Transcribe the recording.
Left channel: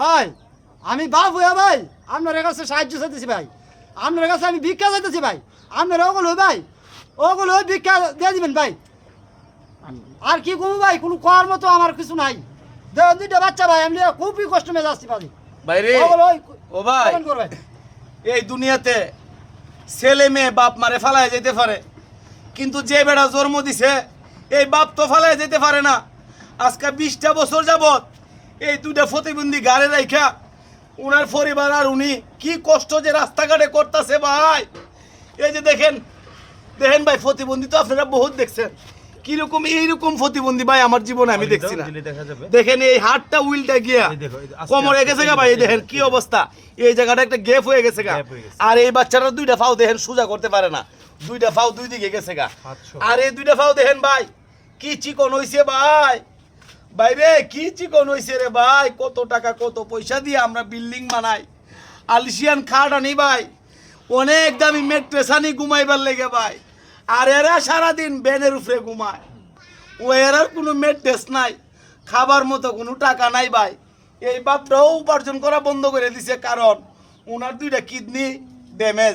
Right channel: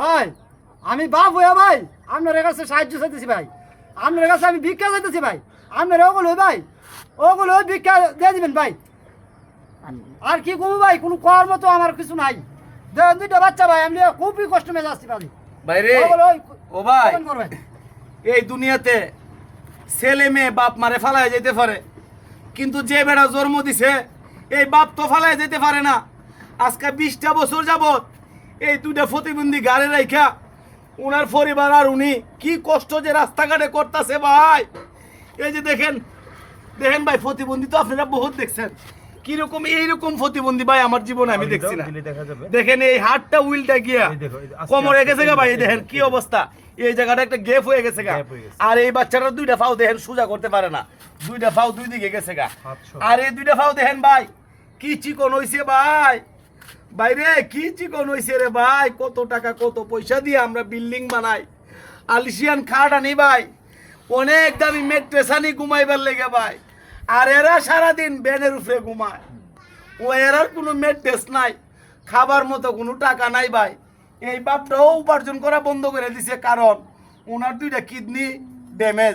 ভাই আমি বাপ হইয়া ভাই আপনার কাছে সাহায্য চাইতেছি ভাই, আপনার কাছে আমি ভিক্ষা চাইতেছি ভাই, আপনার ওগুলো ভাই ওগুলো ভিক্ষা দিয়ে দিবেন ভাই। আর কি করবো ভাই, কোনো করার মতো আমার কিছু নাই। দুইটা বাচ্চা ভাই, আমি খুবই কষ্ট মেয়ে আসছি ভাই। ভাই রে ও ভাই, এই দুনিয়াতে ছেলে মেয়ে বাপ মারে ফালায় যেতে পারে, কিন্তু যে বেড়া জন্ম দিছে এই বাপ তো ফালায় যেতে পারে না। আজকে 20টা বছর যাবত এই দুইটা প্রতিবন্ধী গাড়ি রাইখা উনার পরিবার আর উনি কি কষ্ট যে রাস্তাঘাটে করতেছে ভাই। এই যে দেখেন দেখেন ভাই, প্রতিবন্ধী তো আপনারা বহুত দেখছেন, কিরকম এইরকম প্রতিবন্ধী ভাই আমার জীবনে আমি দেখছি না। দেখেন এই হাতটা উইলটা গিয়া কোমরে গেছে গা ভাই, দেখেন কি অবস্থা, এই জায়গাটা একটা গ্যাপ হয়ে গেছে গা। আর এই বাচ্চাটা দুইটা পাও দেখেন সোজা করতে পারে না, দুইটা পাও দুই দিকে গেছে গা। আর এই দুইটা পাও দেখেন ভাই কি চিকন হইছে ভাই, বাইরে কি চিকন হইছে রে ভাই। কত টাকা কত পয়সা দিয়ে আমরা বিল্ডিং বানাই, আলিশিয়ান খাট আনি ভাই, অনেক দামি মেট্রেস আনি ঘুমাইবার লেগে ভাই। আর এরা সারাদিন ব্যানের উপরে ঘুমায়, ও এরার কোনো মেট্রেস নাই, খাবার মতো কোনো টাকা নাই ভাই। এই বাপটাও উপার্জন করা বন্ধ করে দিছে, কারণ ওনার দুইটা কিডনি ড্যামেজ।